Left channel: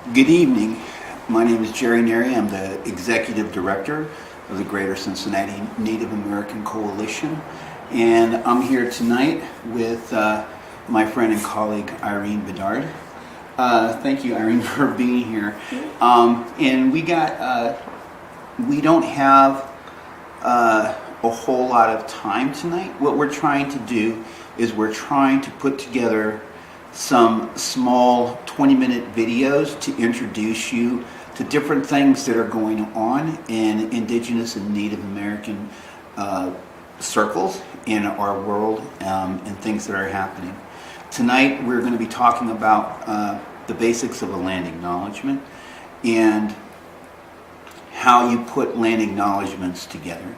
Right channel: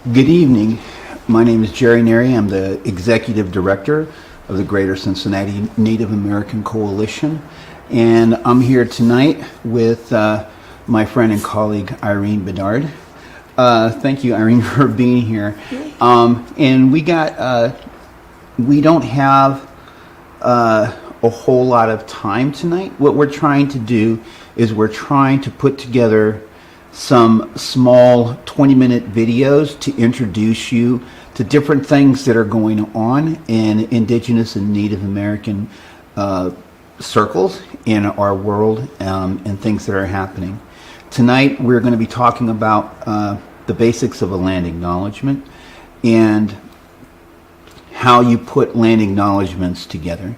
Good evening. My name is Jheri Neri. I'm the Executive Director of the Greater Cincinnati Native American Coalition. And I'm here tonight with my friend and colleague, Irene Bedard. Thank you, Irene, for being here. And we don't have a whole lot of time tonight. What we're trying to do is we're trying to put together some small 20-minute videos to introduce you to different things that are going on in Indigenous and Native American circles in our world, and things that are happening. Tonight we're going to be talking about the basics of a land acknowledgement and how you put land acknowledgements together.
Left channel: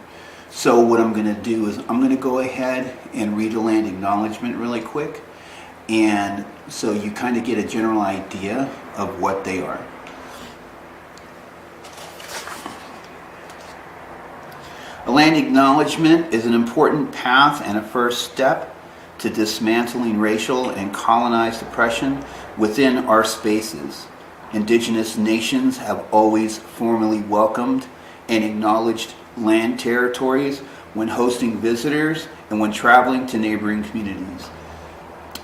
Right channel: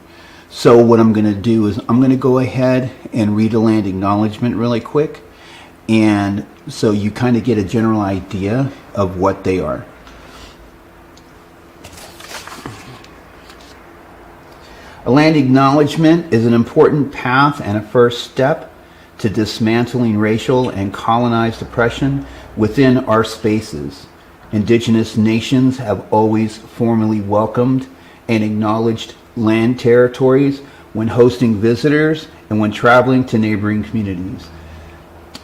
So what I'm going to do is I'm going to go ahead and read a land acknowledgement really quick, and so you kind of get a general idea of what they are. A land acknowledgement is an important path and a first step to dismantling racial and colonized oppression within our spaces. Indigenous nations have always formally welcomed and acknowledged land territories when hosting visitors and when traveling to neighboring communities.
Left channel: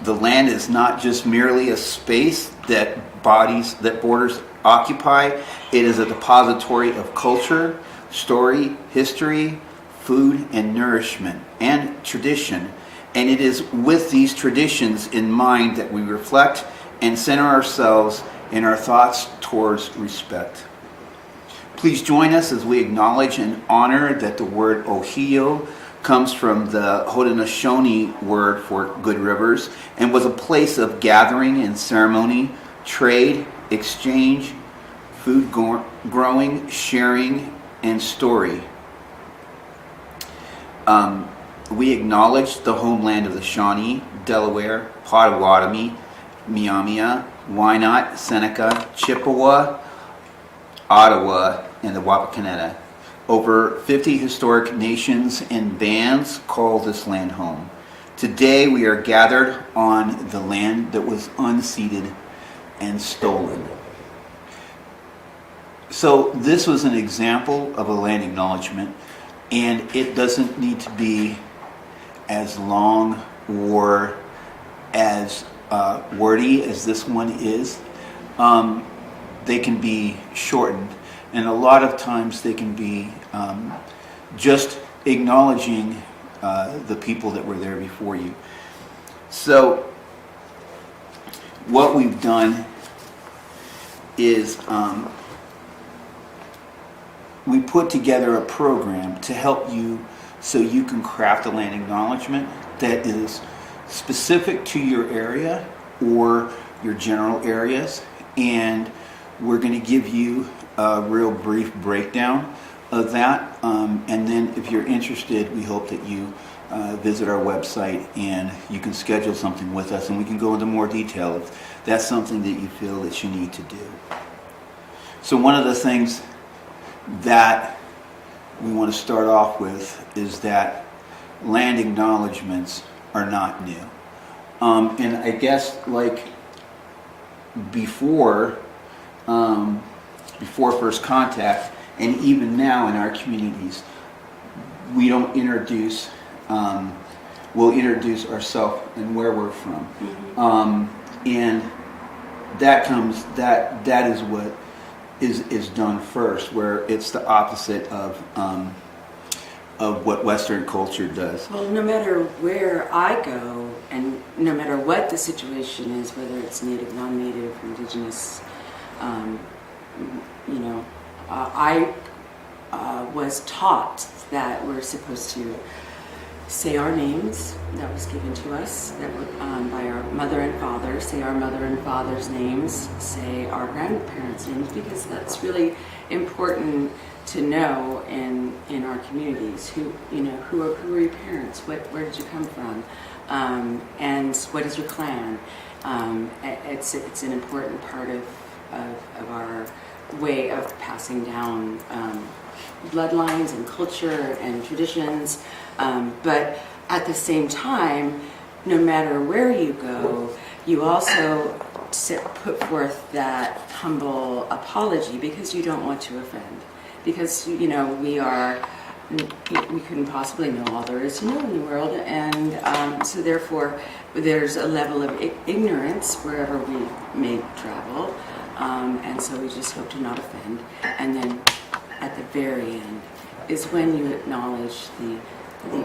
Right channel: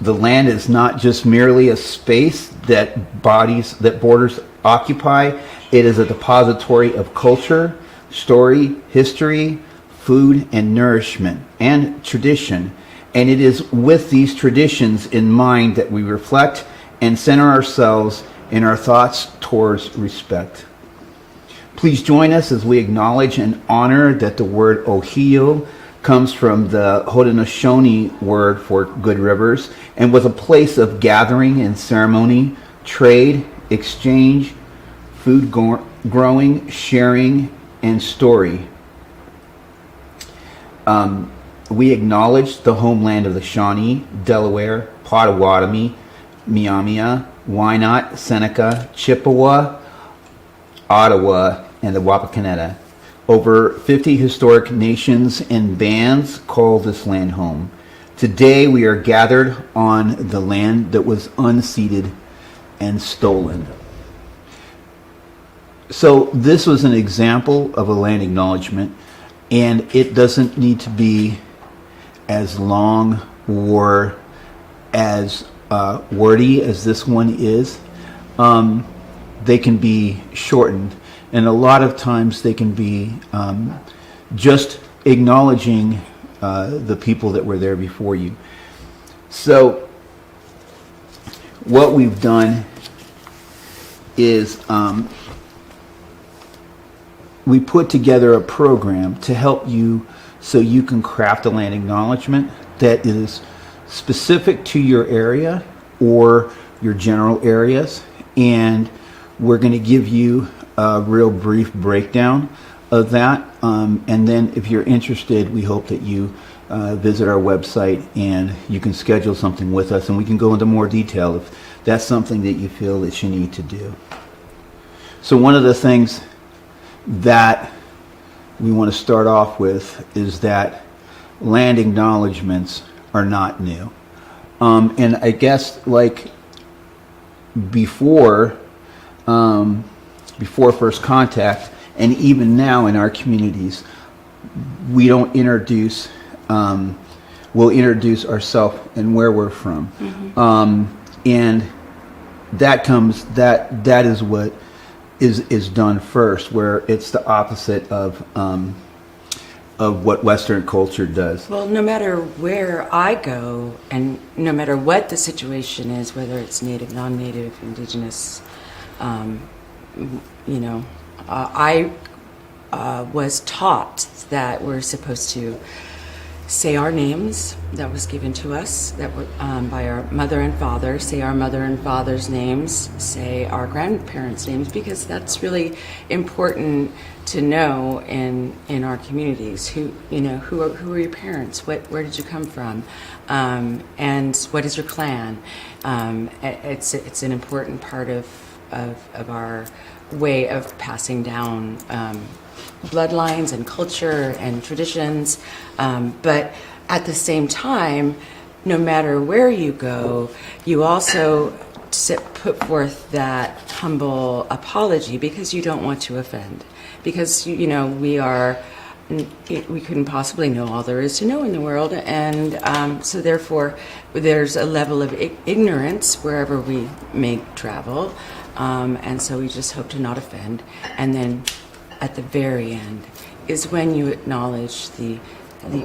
The land is not just merely a space that borders occupy. It is a depository of culture, story, history, food, and nourishment, and tradition. And it is with these traditions in mind that we reflect and center ourselves in our thoughts towards respect. Please join us as we acknowledge and honor that the word Ohio comes from the Haudenosaunee word for good rivers and was a place of gathering and ceremony, trade, exchange, food growing, sharing, and story. We acknowledge the homeland of the Shawnee, Delaware, Potawatomi, Miamia, Wyandotte, Seneca, Chippewa, Ottawa, and the Wapakoneta. Over 50 historic nations and bands call this land home. Today we are gathered on the land that was unceded and stolen. So this was an example of a land acknowledgement, and it doesn't need to be as long or as wordy as this one is. They can be shortened. And a lot of times they can be just acknowledging the people that were there before you. So what we've done is we put together a program to help you so you can craft a land acknowledgement that is specific to your area or your general areas. And we're going to give you a real brief breakdown of that, and then if you're interested, we hope that you visit our website and you can schedule something with us and we can go into more detail if that's something that you feel that you need to do. So one of the things that we want to start off with is that land acknowledgements are not new, and I guess like before first contact, and even now in our communities, we don't introduce, we'll introduce ourselves and where we're from. And that is what is done first, where it's the opposite of what Western culture does. Well, no matter where I go, and no matter what the situation is, whether it's native, non-native, indigenous, I was taught that we're supposed to say our names that was given to us that were, by our mother and father, say our mother and father's names, say our grandparents' names, because that's really important to know in our communities. Who are your parents? Where did you come from? And what is your clan? It's an important part of our way of passing down bloodlines and culture and traditions, but at the same time, no matter where you go, you also put forth that humble apology because you don't want to offend. Because, we couldn't possibly know all there is to know in the world, and so therefore there's a level of ignorance wherever we may travel, and so we just hope to not offend. And then at the very end is when you acknowledge the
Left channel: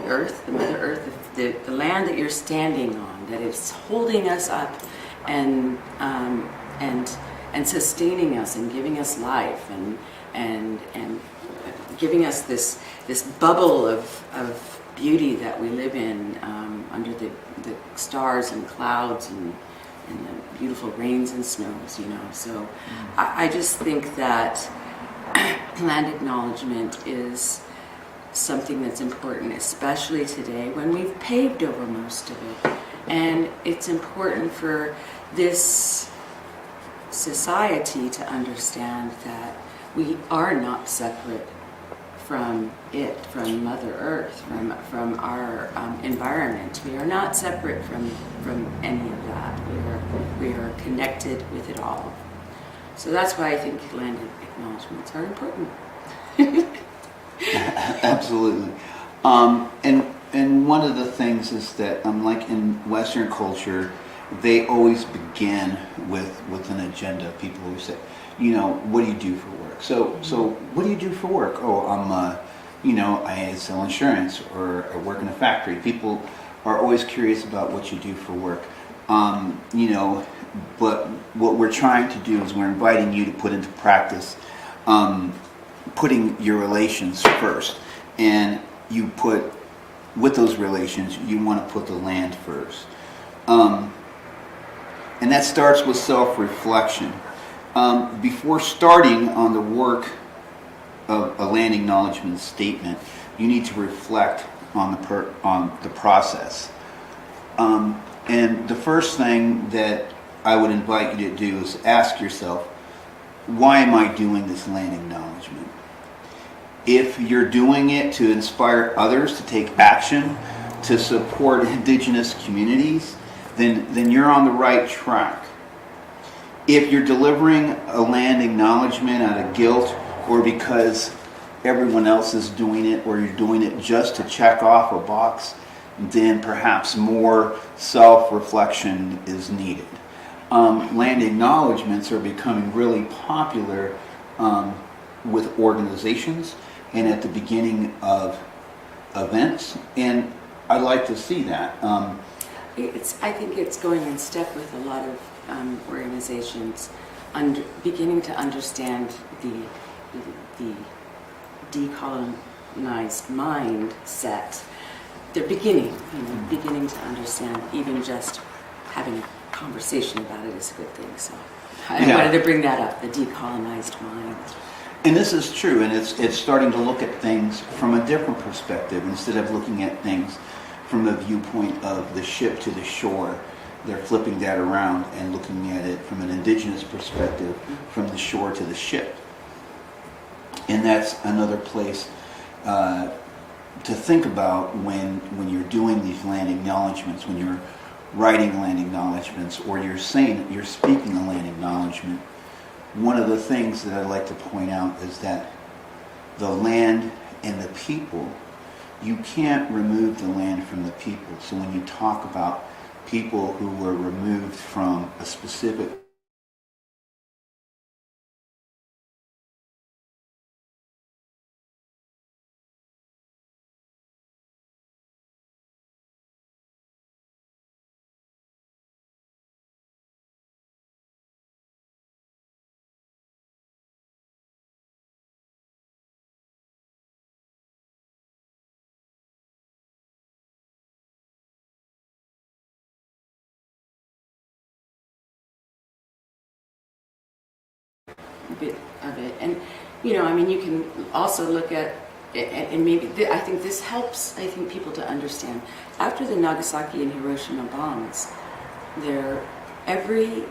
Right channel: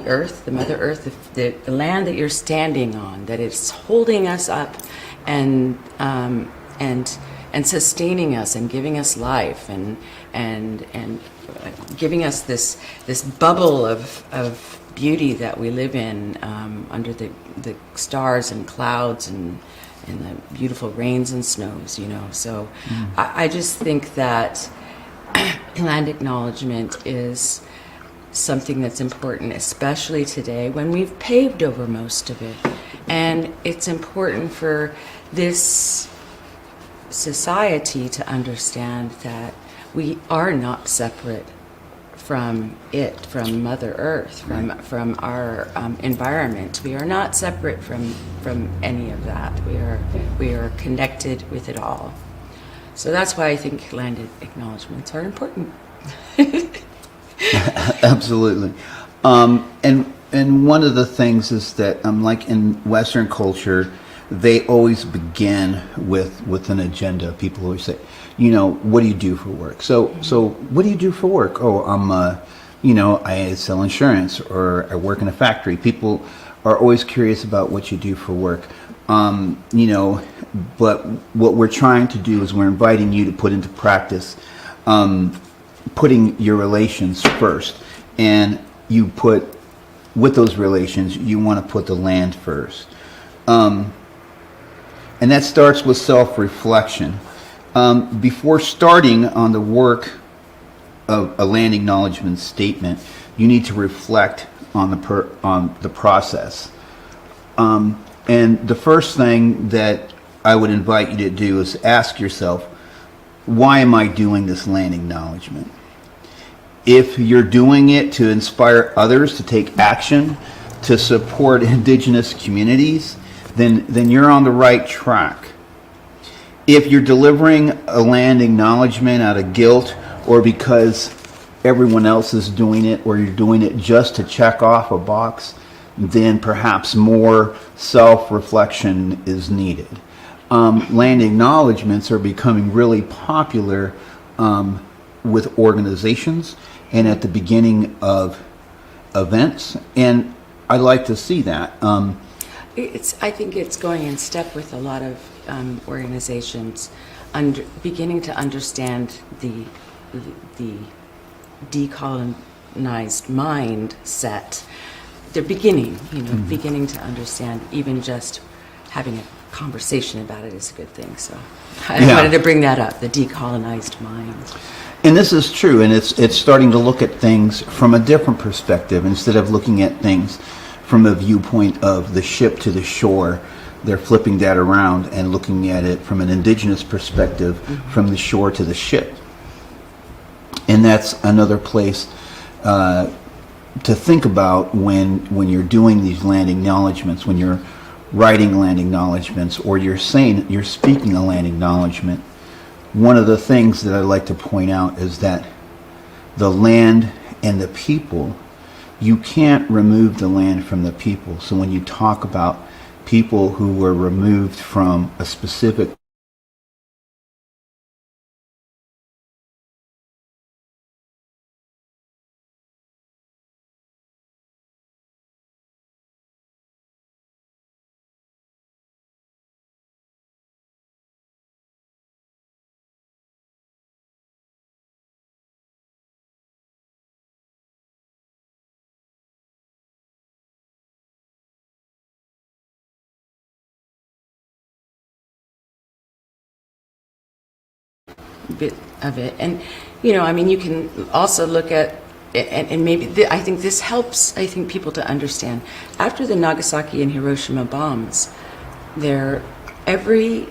earth, the Mother Earth, the land that you're standing on, that it's holding us up and sustaining us and giving us life and giving us this bubble of beauty that we live in, under the stars and clouds and the beautiful rains and snows, So I just think that land acknowledgement is something that's important, especially today when we've paved over most of it. And it's important for this society to understand that we are not separate from it, from Mother Earth, from our environment. We are not separate from any of that. We are connected with it all. So that's why I think land acknowledgements are important. Absolutely. And one of the things is that, like in Western culture, they always begin with an agenda. People always say, what do you do for work? So what do you do for work? Oh, I sell insurance, or I work in a factory. People are always curious about what you do for work. But what we're trying to do is we're inviting you to put into practice, putting your relations first. And you put, with those relations, you want to put the land first. And that starts with self-reflection. Before starting on the work of a land acknowledgement statement, you need to reflect on the process. And the first thing that I would invite you to do is ask yourself, why am I doing this land acknowledgement? If you're doing it to inspire others to take action to support Indigenous communities, then you're on the right track. If you're delivering a land acknowledgement out of guilt, or because everyone else is doing it, or you're doing it just to check off a box, then perhaps more self-reflection is needed. Land acknowledgements are becoming really popular with organizations and at the beginning of events, and I like to see that. I think it's going in step with a lot of organizations beginning to understand the decolonized mindset. They're beginning to understand. Even just having a conversation about it is a good thing. So I wanted to bring that up, the decolonized mind. And this is true, and it's starting to look at things from a different perspective. Instead of looking at things from a viewpoint of the ship to the shore, they're flipping that around and looking at it from an Indigenous perspective, from the shore to the ship. And that's another place to think about when you're doing these land acknowledgements, when you're writing land acknowledgements, or you're speaking a land acknowledgement. One of the things that I'd like to point out is that the land and the people, you can't remove the land from the people. So when you talk about people who were removed from a specific bit of it. And you can also look at and maybe I think this helps people to understand. After the Nagasaki and Hiroshima bombs, every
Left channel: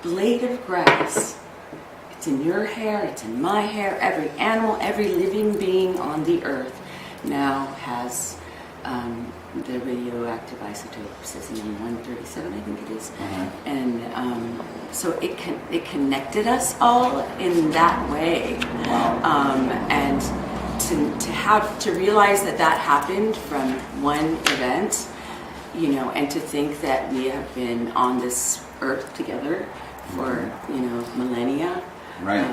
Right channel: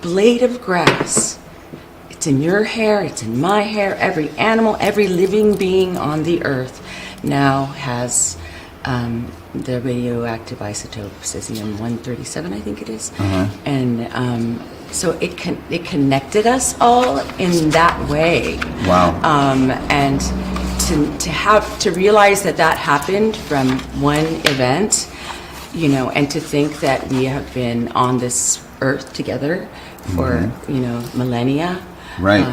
blade of grass, it's in your hair, it's in my hair, every animal, every living being on the earth now has the radioactive isotope cesium-137, I think it is. And so it connected us all in that way. Wow. And to realize that happened from one event, and to think that we have been on this earth together for millennia. Right.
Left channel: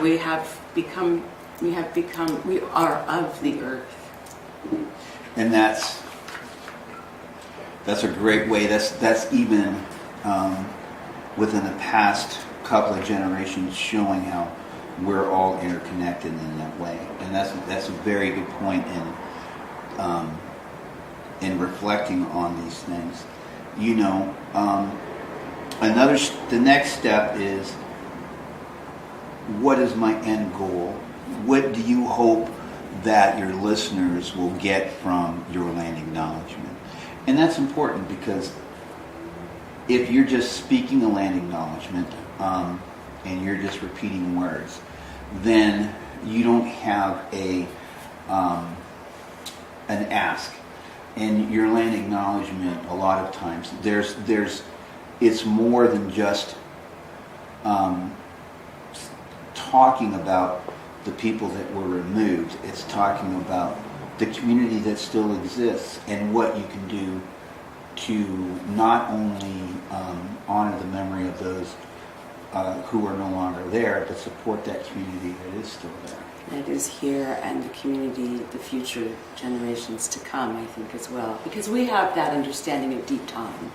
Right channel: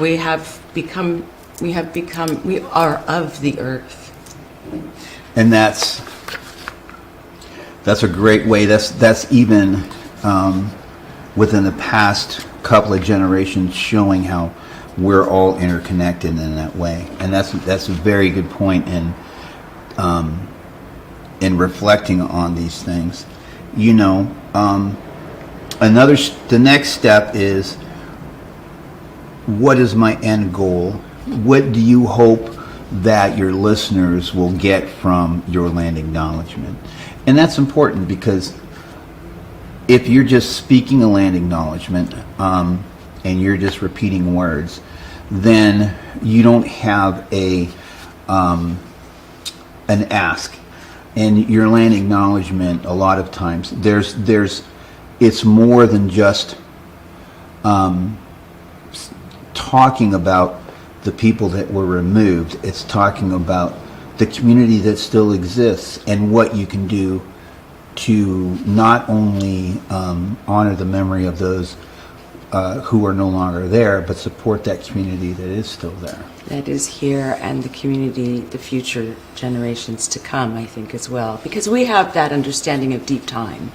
We are of the earth. And that's a great way. That's even within the past couple of generations, showing how we're all interconnected in that way. And that's a very good point in reflecting on these things. The next step is, what is my end goal? What do you hope that your listeners will get from your land acknowledgement? And that's important, because if you're just speaking a land acknowledgement and you're just repeating words, then you don't have an ask. And your land acknowledgement, a lot of times, it's more than just talking about the people that were removed. It's talking about the community that still exists and what you can do to not only honor the memory of those who are no longer there, but support that community that is still there. That is here, and the community, the future generations to come, I think, as well. Because we have that understanding of deep time.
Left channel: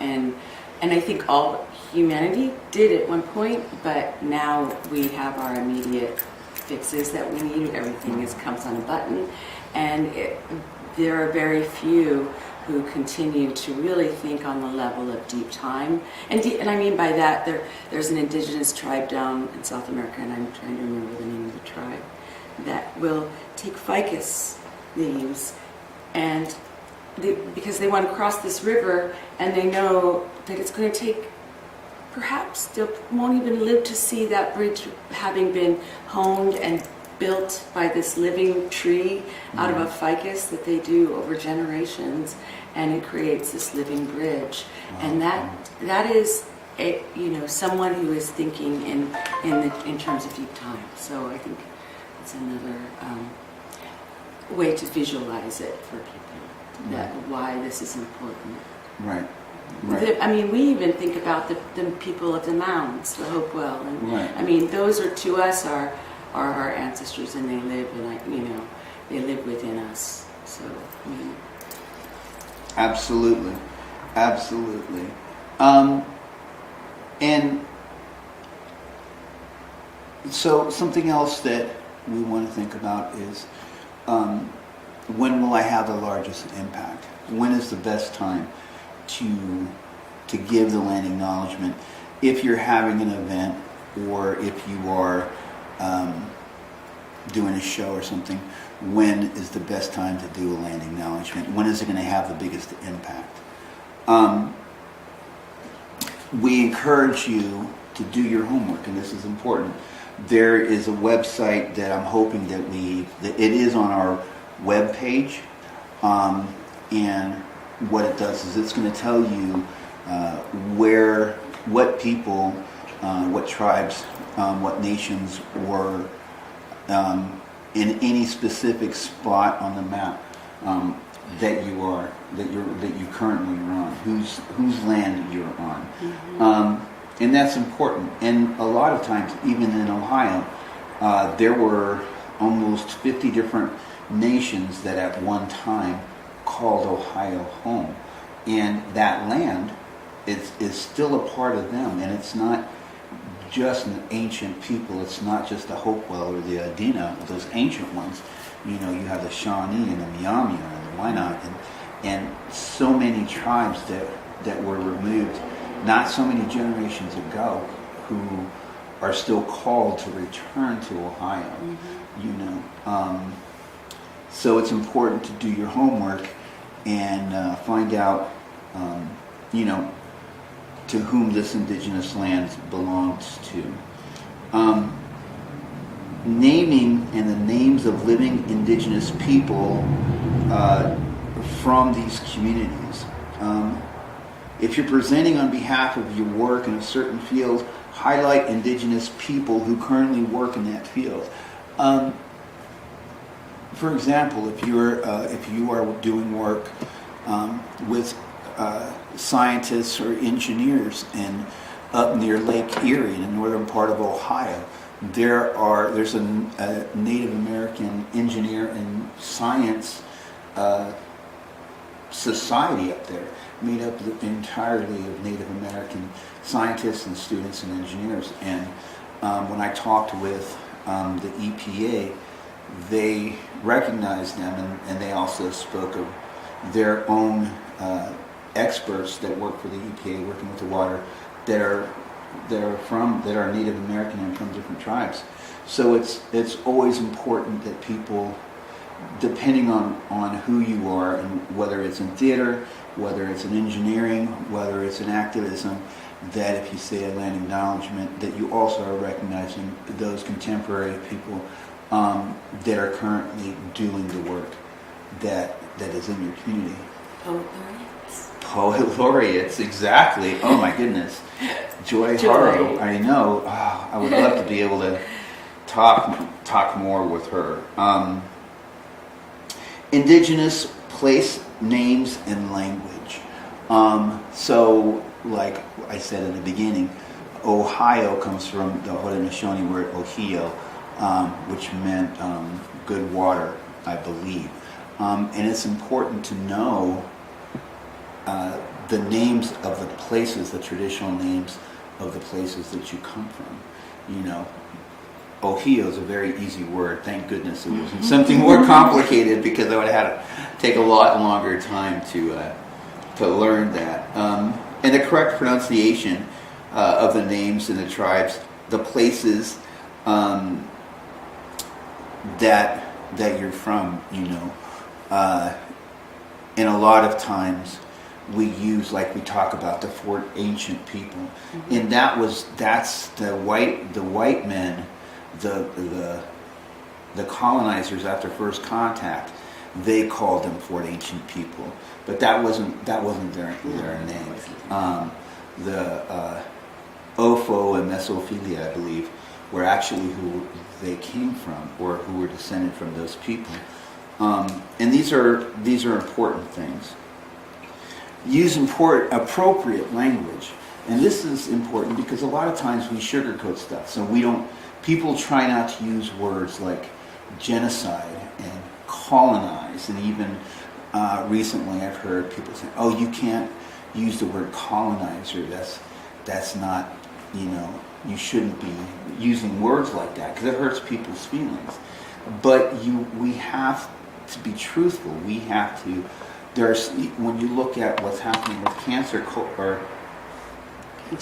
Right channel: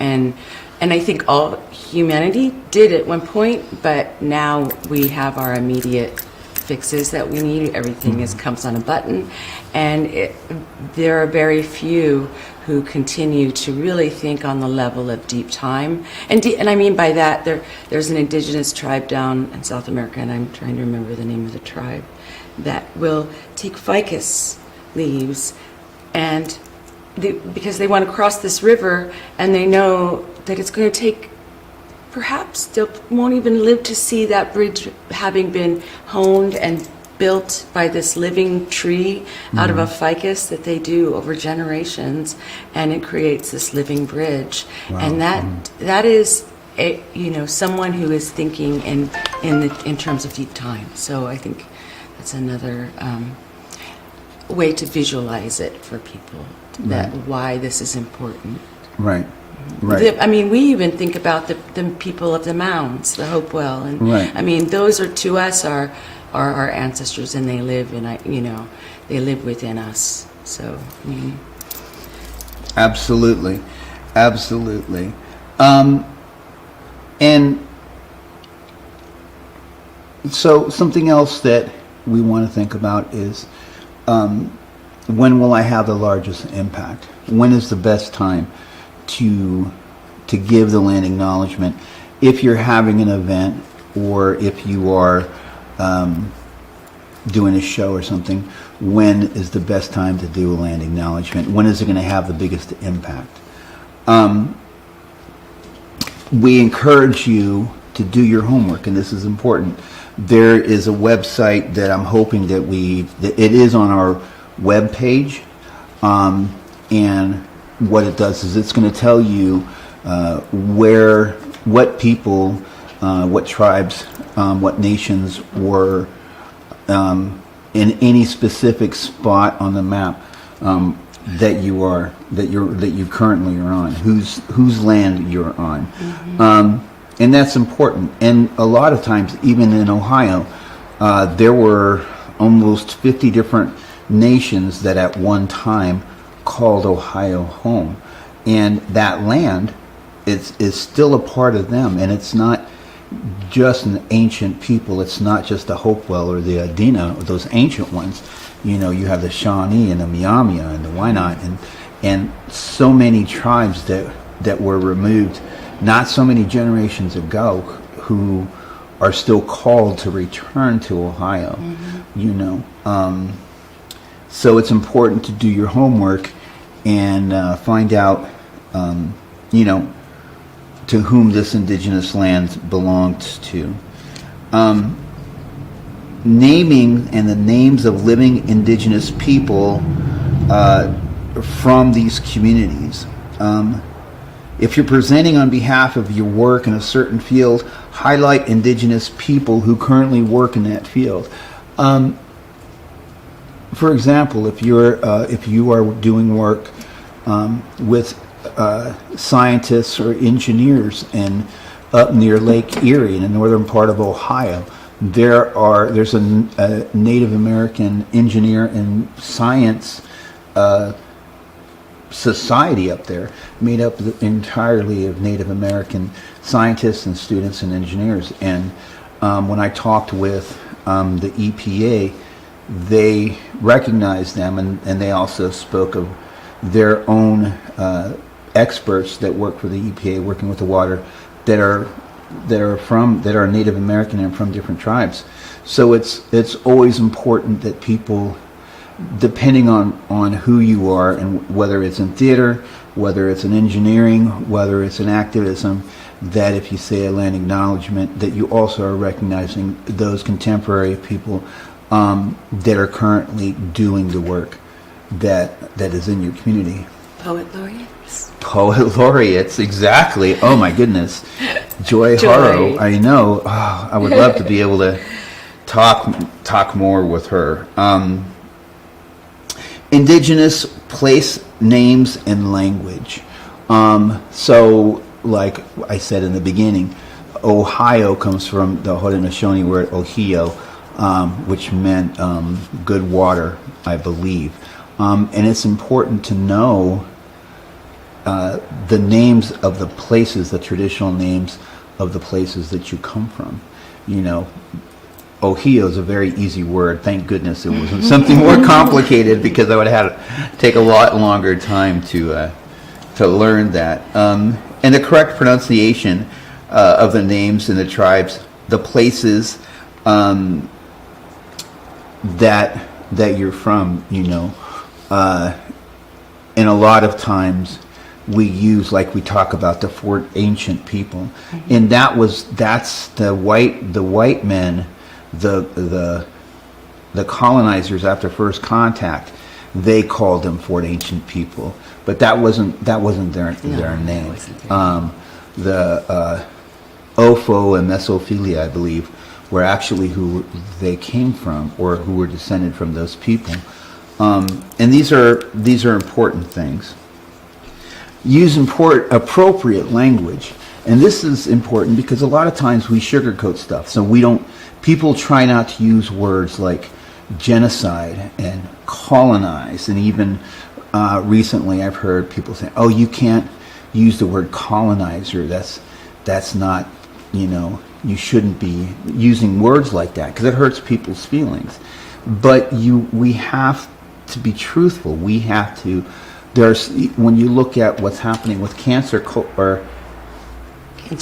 And I think all humanity did at one point, but now we have our immediate fixes that we need. Everything comes on a button. And there are very few who continue to really think on the level of deep time. And I mean by that, there's an indigenous tribe down in South America, and I'm trying to remember the name of the tribe, that will take ficus leaves, and because they want to cross this river, and they know that it's going to take, perhaps they won't even live to see that bridge having been honed and built by this living tree out of a ficus that they do over generations, and it creates this living bridge. Wow. And that is someone who is thinking in terms of deep time. So I think that's another way to visualize it for people, that why this is important. Right. Right. I mean, we even think about the people of the mounds, the Hopewell, and I mean, those are to us are our ancestors, and they live they live within us. So, I mean, absolutely. And so something else that we want to think about is, when will I have the largest impact? When is the best time to give the land acknowledgement? If you're having an event, or if you are doing a show or something, when is the best time to do a land acknowledgement? When is it going to have the biggest impact? We encourage you to do your homework, and this is important. There is a website that I'm hoping that it is on our web page, and what it does is it's going to tell you what people, what tribes, what nations were in any specific spot on the map that you currently are on, whose land you're on. And that's important. And a lot of times, even in Ohio, there were almost 50 different nations that at one time called Ohio home. And that land is still a part of them. And it's not just an ancient people. It's not just the Hopewell or the Adena, those ancient ones. You have the Shawnee and the Miamia and the Wyandotte and so many tribes that were removed not so many generations ago, who are still called to return to Ohio. So it's important to do your homework and find out to whom this indigenous land belongs to. Naming and the names of living indigenous people from these communities. if you're presenting on behalf of your work in a certain field, highlight Indigenous people who currently work in that field. For example, if you are doing work with scientists or engineers up near Lake Erie in the northern part of Ohio, there's a Native American engineer and science society up there, made up entirely of Native American scientists and students and engineers. And when I talked with the EPA, they recognized them, and they also spoke of their own experts that work for the EPA, working with the water, that are Native American and from different tribes. So it's always important that people, depending on who you are, and whether it's in theater, whether it's in engineering, whether it's in activism, that if you say a land acknowledgement, that you also are recognizing those contemporary people that are currently doing the work that is in your community. Poet laureates. Poet laureates, exactly. Oh my goodness. Joy Harrow, I know. Oh, I would love to be able to talk more with her. Indigenous place names and language. So, like I said in the beginning, Ohio comes from the Haudenosaunee word Ohio, which meant good water, I believe. And it's important to know the names of the places, the traditional names of the places that you come from. You know, Ohio is a very easy word. Thank goodness it wasn't something more complicated, because I would have had to take a lot longer time to learn that. And the correct pronunciation of the names and the tribes, the places that you're from, you know. And a lot of times we use, like we talk about the Fort Ancient people, mm-hmm. and that's the white men, the colonizers after first contact, they called them Fort Ancient people, but that wasn't their name. The Ofo and Mesophilia, I believe, were actually who they came from, or who were descended from those people. And these are important things. Use appropriate language, and this is important because a lot of times we sugarcoat stuff. So people try not to use words like genocide and colonize, and even recently I've heard people say, "Oh, you can't use the word colonizer. That's not, you know, you shouldn't be using words like that because it hurts people's feelings." But we have to be truthful. We have to. When you look at what's happening with cancer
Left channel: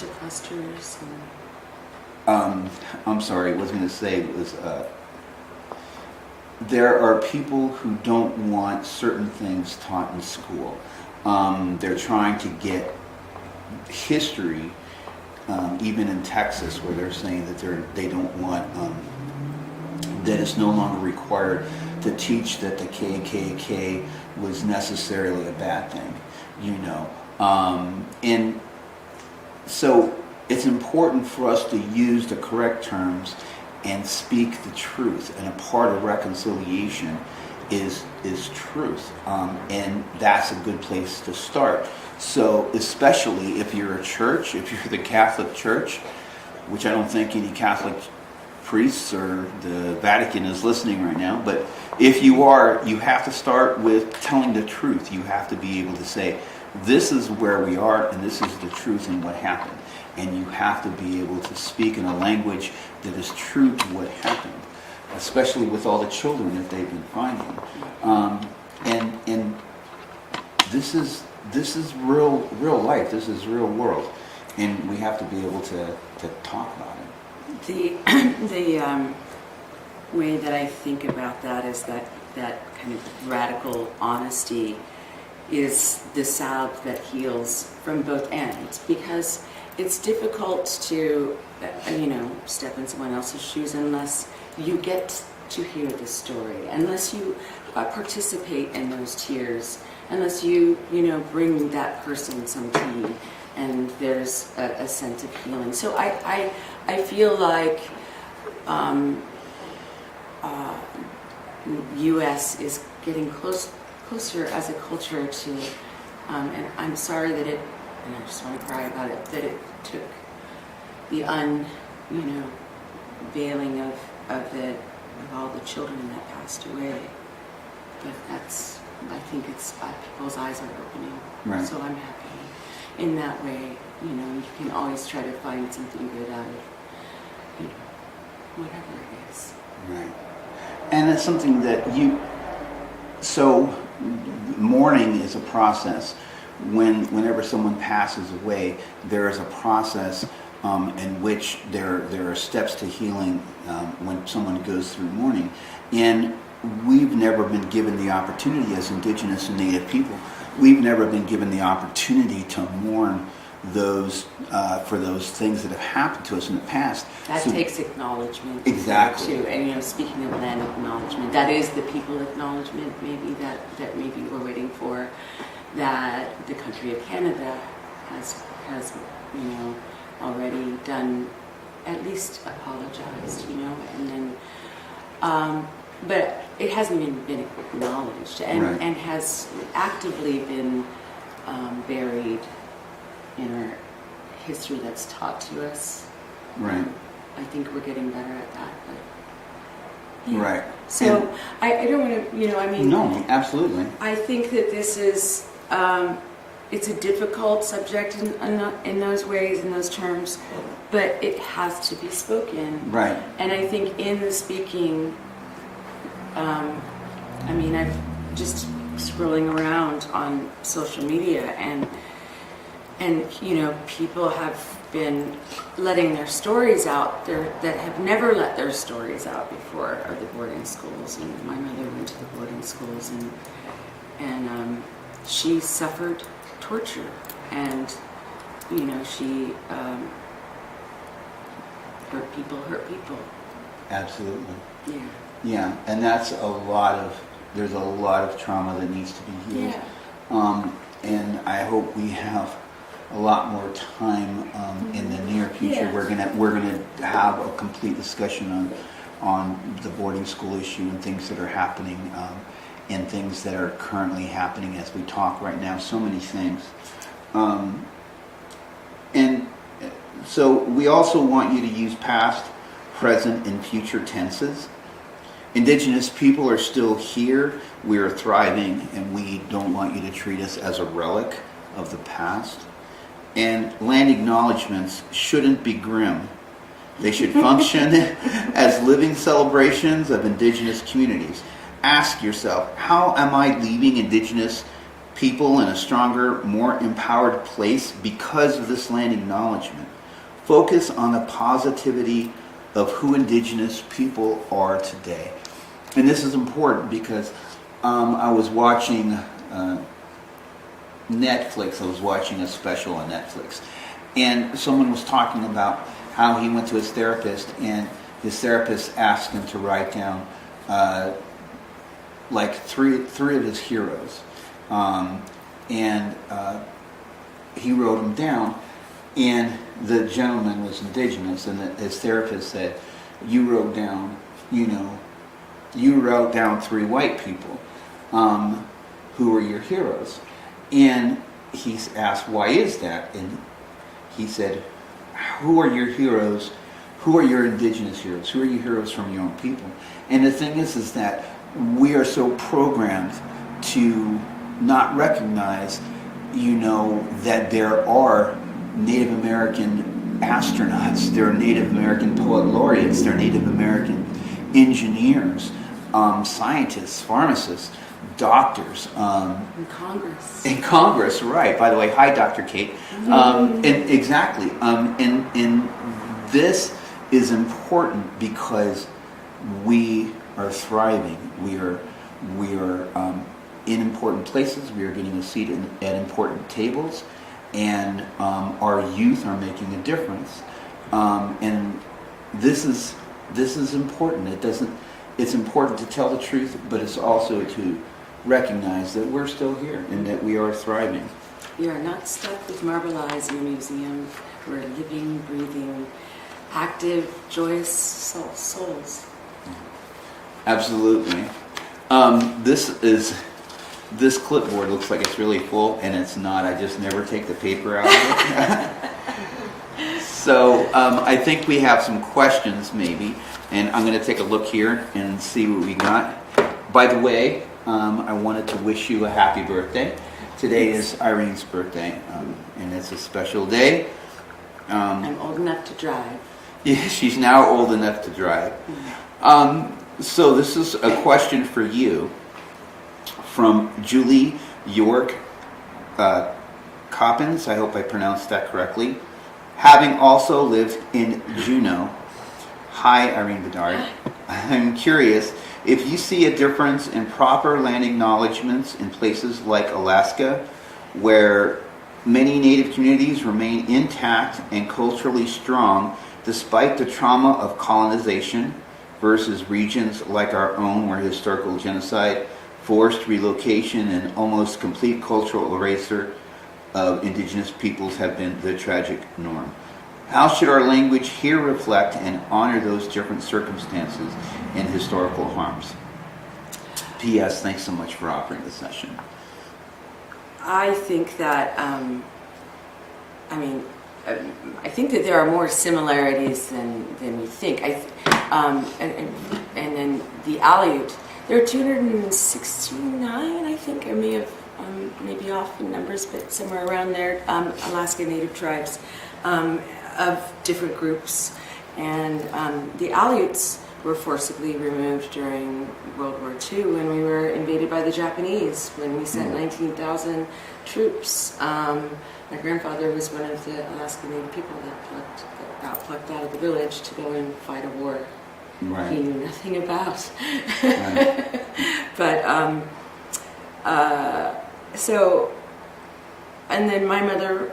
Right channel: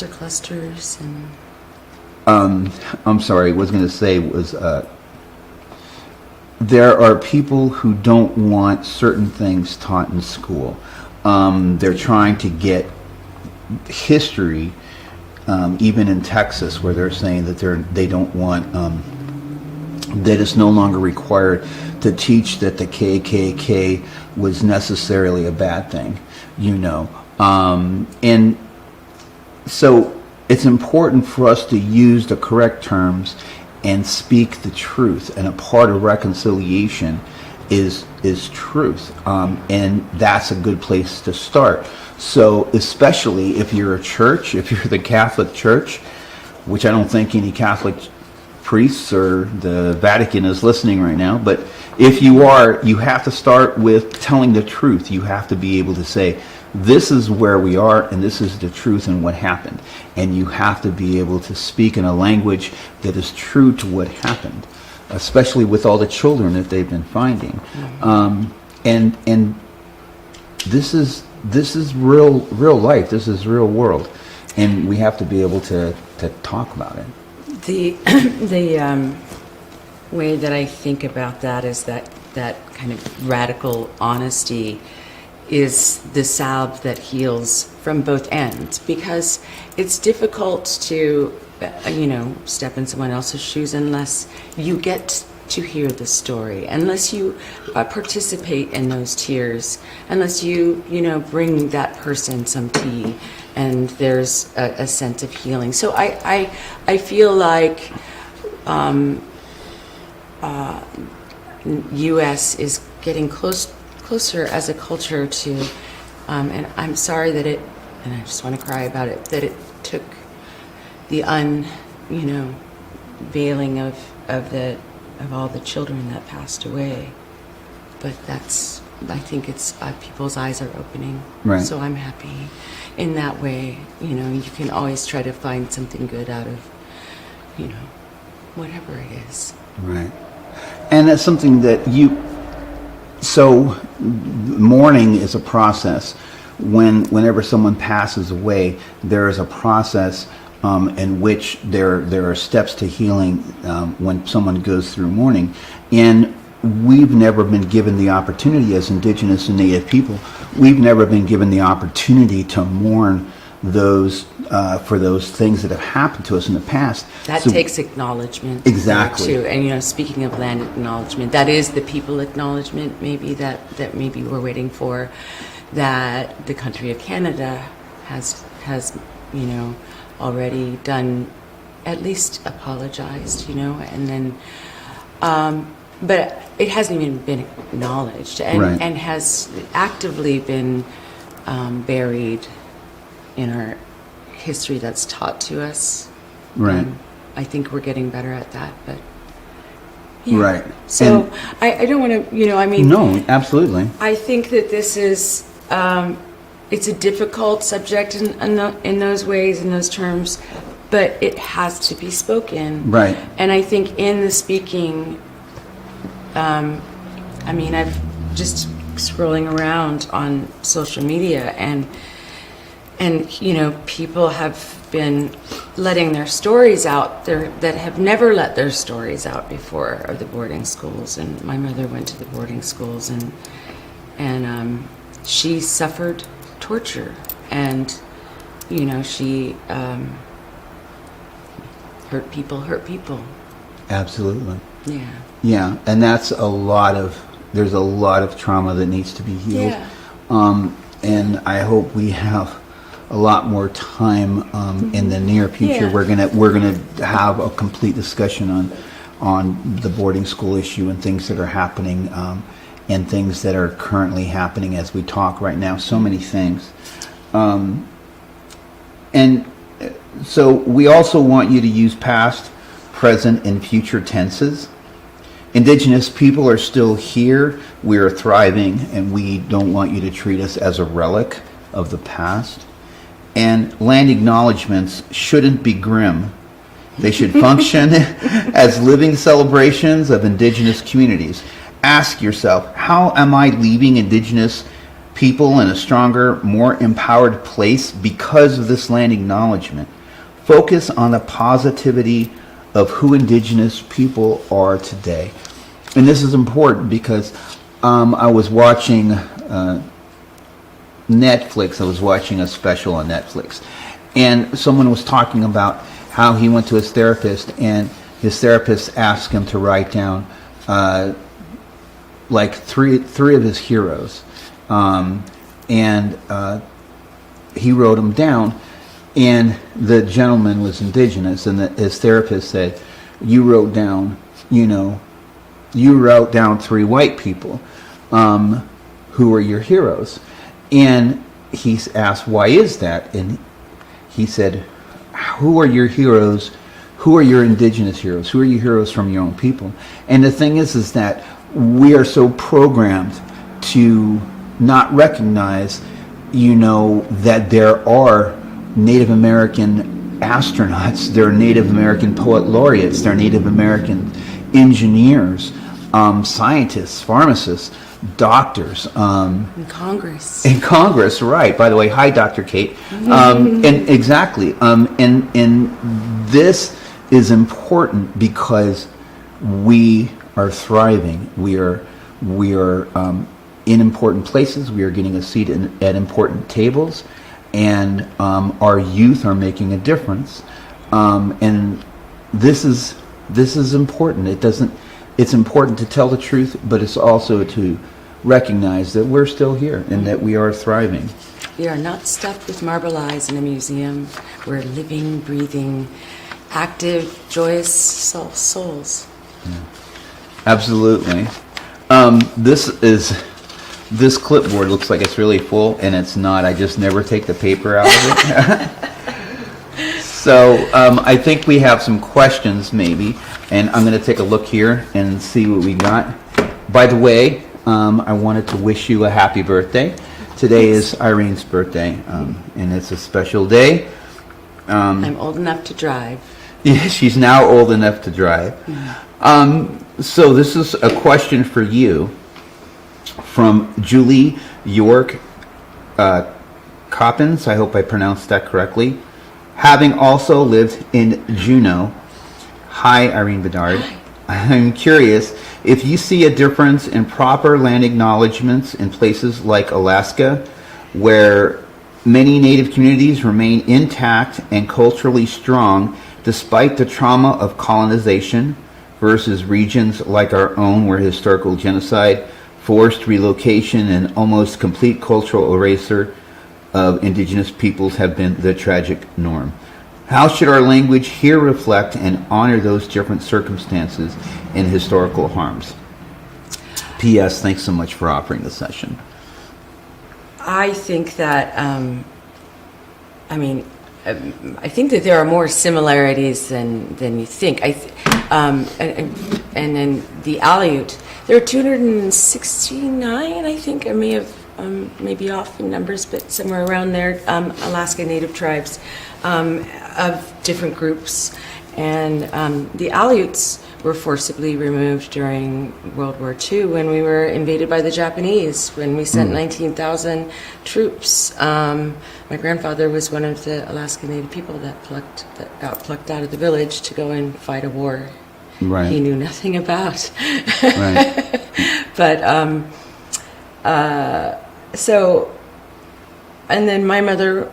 clusters and. I'm sorry. What I was going to say was there are people who don't want certain things taught in school. They're trying to get history, even in Texas, where they're saying that they don't want that it's no longer required to teach that the KKK was necessarily a bad thing, you know. And so it's important for us to use the correct terms and speak the truth. And a part of reconciliation is truth. And that's a good place to start. So especially if you're a church, if you're the Catholic Church, which I don't think any Catholic priests or the Vatican is listening right now, but if you are, you have to start with telling the truth. You have to be able to say, this is where we are and this is the truth and what happened. And you have to be able to speak in a language that is true to what happened, especially with all the children that they've been finding. And this is real life. This is real world, and we have to be able to talk about it. The way that I think about that is that kind of radical honesty is the salve that heals from both ends, because it's difficult to step in someone else's shoes unless you get to hear the story, unless you participate in those tears, unless you bring that person some tea, and there's a sense of healing. So I feel like U.S. is getting closer as a culture to, and I'm sorry that it, and I just want to cry about it, that it took the veiling of all the children that passed away. But I think it's people's eyes are opening. Right. So I'm happy in that way. You can always try to find something good out of, whatever it is. Right. And that's something that so mourning is a process. Whenever someone passes away, there is a process in which there are steps to healing when someone goes through mourning. And we've never been given the opportunity as Indigenous and Native people, we've never been given the opportunity to mourn those for those things that have happened to us in the past. That takes acknowledgement. Exactly. Too. And speaking of land acknowledgement, that is the people acknowledgement maybe that maybe we're waiting for, that the country of Canada has already done, at least apologized, and then but it hasn't even been acknowledged, and, right. and has actively been buried in our history that's taught to us. Right. I think we're getting better at that, but yeah. Right. So I don't want to, No, absolutely. I think that this is it's a difficult subject in those ways, in those terms, but it has to be spoken. Right. And I think in the speaking, I've just scrolling around on social media, and people have been letting their stories out there that have never let their stories out before, or the boarding schools. And my mother went to the boarding schools, and she suffered torture, and she hurt people. Absolutely. Yeah. Yeah, and there's a lot of trauma that needs to be healed. Yeah. And I hope we have a lot more time in the near future. Yeah. We're gonna have a complete discussion on the boarding school issue and things that are happening and things that are currently happening as we talk right now. So many things. And so we also want you to use past, present, and future tenses. Indigenous people are still here, we are thriving, and we don't want you to treat us as a relic of the past. And land acknowledgements shouldn't be grim. They should function as living celebrations of Indigenous communities. Ask yourself, how am I leaving Indigenous people in a stronger, more empowered place because of this land acknowledgement? Focus on the positivity of who Indigenous people are today. And this is important because I was watching Netflix. I was watching a special on Netflix, and someone was talking about how he went to his therapist, and his therapist asked him to write down like three of his heroes, and he wrote them down. And the gentleman was Indigenous, and his therapist said, "You wrote down, three white people who are your heroes." And he's asked, "Why is that?" And he said, "Who are your heroes? Who are your Indigenous heroes? Who are your heroes from your own people?" And the thing is that we are so programmed to not recognize, that there are Native American astronauts, there are Native American poet laureates, there are Native American engineers, scientists, pharmacists, doctors. In Congress, right. By the way, hi, Dr. Kate. And exactly. And this is important because we are thriving. We are in important places. We are getting a seat at important tables. And our youth are making a difference. And this is important. It doesn't. it's important to tell the truth, but it's also to recognize that we're still here and that we are thriving. We are not stuck with marble eyes in a museum. We're living, breathing, active, joyous souls. Absolutely. This clipboard looks like it's really full, and it's not. I just never take the paper out of it. So I think we have some questions maybe, and I'm going to take a look here and see what we got. By the way, I wanted to wish you a happy birthday. Today is Irene's birthday, and it's a special day. I'm old enough to drive. Yeah, she's now old enough to drive. So this is a question for you from Julie York Coppins. I hope I pronounced that correctly. Having also lived in Juneau. Hi, Irene Bedard. I'm curious if you see a difference in proper land acknowledgements in places like Alaska, where many Native communities remain intact and culturally strong despite the trauma of colonization, versus regions like our own where historical genocide, forced relocation, and almost complete cultural erasure of indigenous peoples have been the tragic norm. How should our language here reflect and honor those different circumstances and historical harms? P.S. Thanks so much for offering the session. I think that, I think that there are more similarities than you think. And then the Aleut, there are 269, I think. I may have maybe off in numbers, but somewhere around there, Alaska Native tribes of different groups. And the Aleuts were forcibly removed during World War II when we were invaded by the Japanese, when we sent 19,000 troops. My grandfather was one of the Alaska Native people that got plucked out of the village to go and fight a war he knew nothing about. Right. But so, and then my mother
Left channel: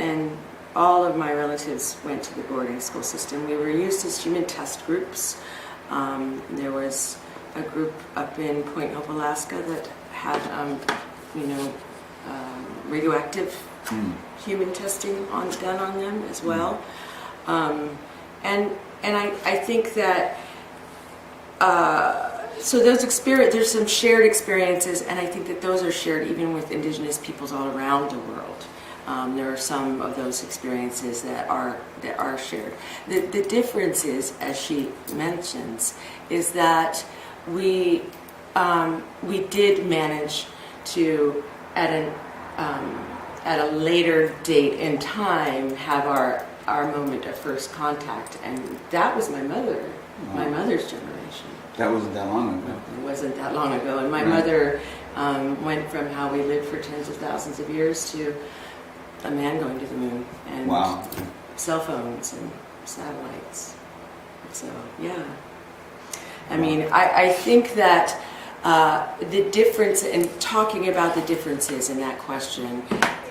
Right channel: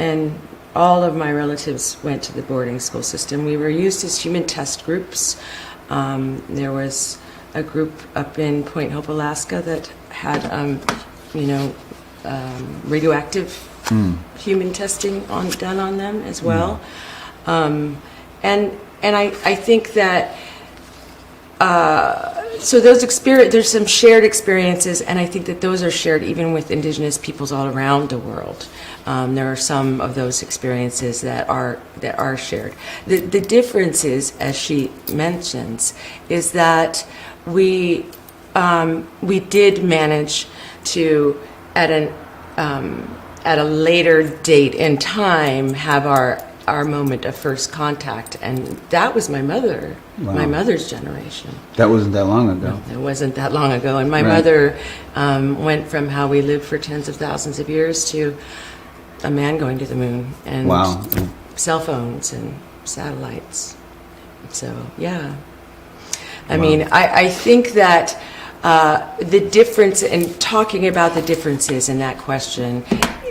and all of my relatives went to the boarding school system. We were used as human test groups. There was a group up in Point Hope, Alaska that had, radioactive human testing done on them as well. And I think that, so those there's some shared experiences, and I think that those are shared even with Indigenous peoples all around the world. There are some of those experiences that are shared. The difference is, as she mentions, is that we did manage to at a later date in time have our moment of first contact, and that was my mother. Wow. My mother's generation. That wasn't that long ago. It wasn't that long ago, and my mother went from how we lived for tens of thousands of years to a man going to the moon, and cell phones and satellites. So, yeah. I mean, I think that the difference in talking about the differences in that question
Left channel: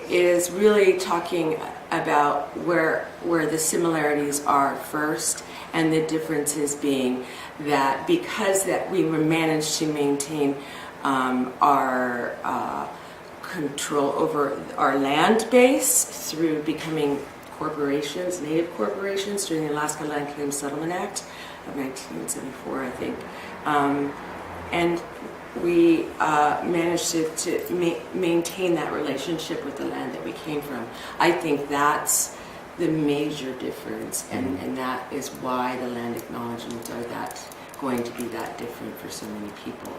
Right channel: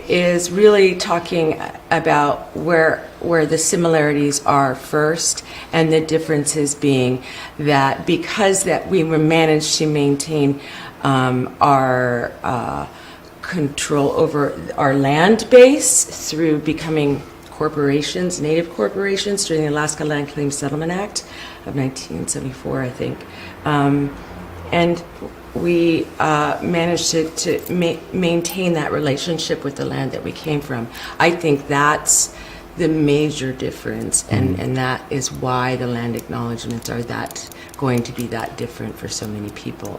is really talking about where the similarities are first, and the differences being that because that we managed to maintain our control over our land base through becoming corporations, native corporations, during the Alaska Land Claims Settlement Act of 1974, I think. And we managed to maintain that relationship with the land that we came from. I think that's the major difference, and that is why the land acknowledgements are going to be that different for so many people.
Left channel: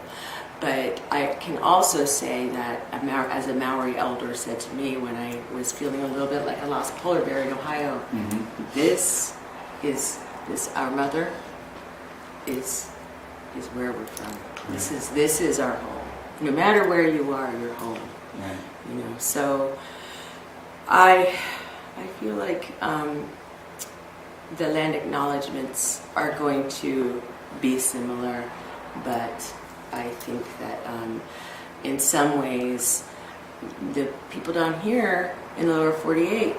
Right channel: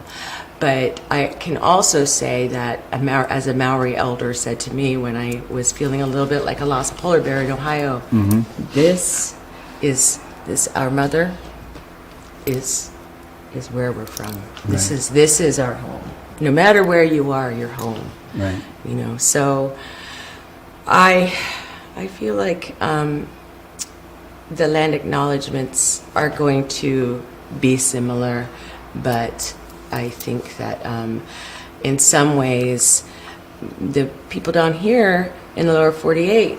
But I can also say that, as a Maori elder said to me when I was feeling a little bit like a lost polar bear in Ohio, this our mother is where we're from. Right. This is our home. No matter where you are, you're home. Right. You know. So I feel like the land acknowledgements are going to be similar, but I think that in some ways the people down here in the lower 48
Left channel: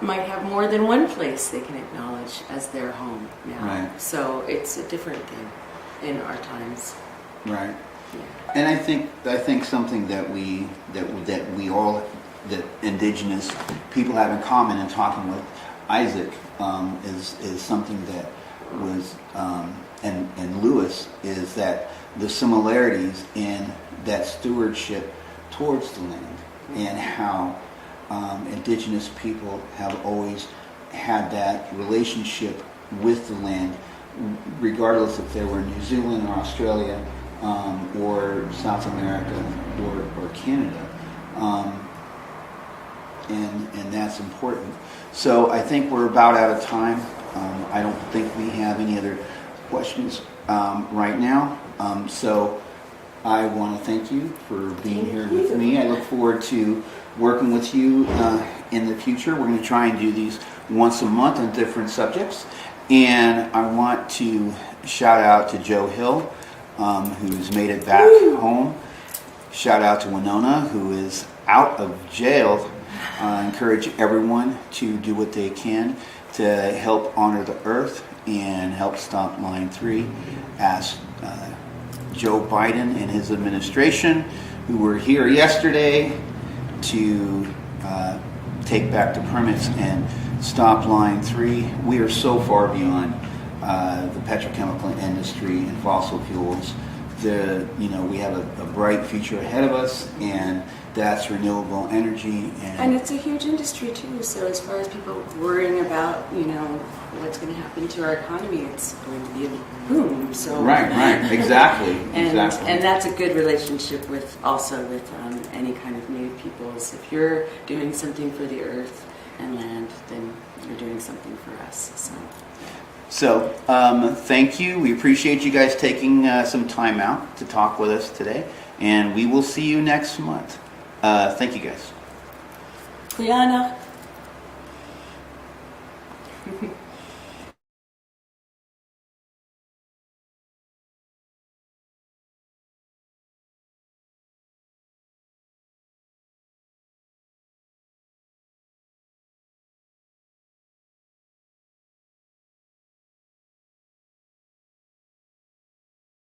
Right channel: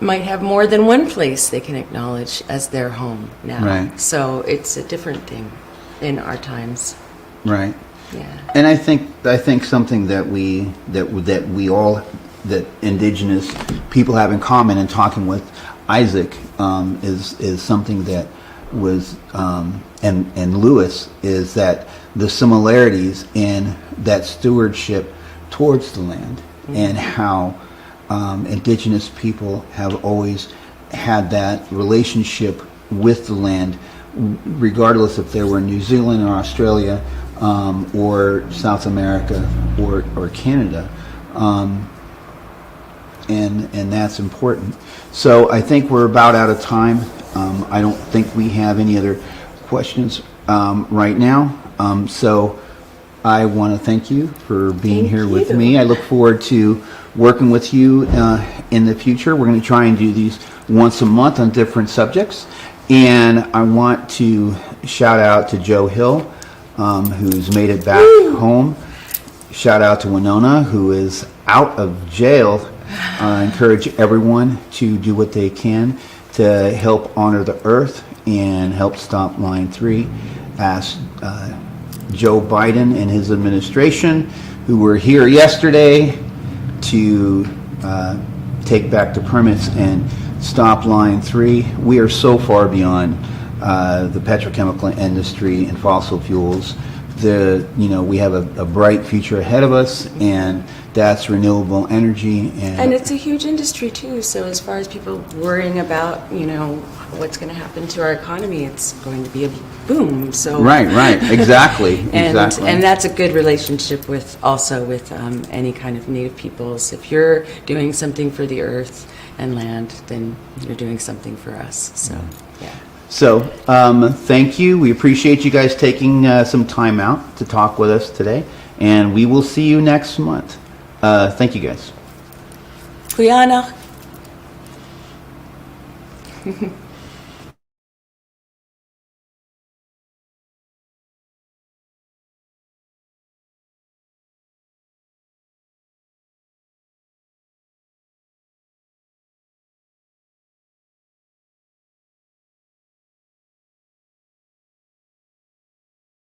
might have more than one place they can acknowledge as their home now. Right. So it's a different thing. in our times. Right. Yeah. And I think something that we all, that Indigenous people have in common in talking with Isaac, is something that was and Lewis, is that the similarities in that stewardship towards the land, and how Indigenous people have always had that relationship with the land, regardless if they were in New Zealand or Australia, or South America or Canada, and that's important. So I think we're about out of time. I don't think we have any other questions right now. So I want to thank you for being here with me. I look forward to working with you in the future. We're going to try and do these once a month on different subjects. And I want to shout out to Joe Hill, who's made it back home. Shout out to Winona, who is out of jail. I encourage everyone to do what they can to help honor the earth and help stop Line 3. Ask Joe Biden and his administration, who were here yesterday, to take back the permits and stop Line 3. We are so far beyond the petrochemical industry and fossil fuels. We have a bright future ahead of us, and that's renewable energy. And it's a huge industry too. So as far as people worrying about, what's going to happen to our economy, it's going to be a boom. So right, exactly, exactly. And that's a good relationship with any kind of Native peoples. If you're doing something for the earth and land, then you're doing something for us. So yeah. So, thank you. We appreciate you guys taking some time out to talk with us today, and we will see you next month. Thank you, guys. Kuyana.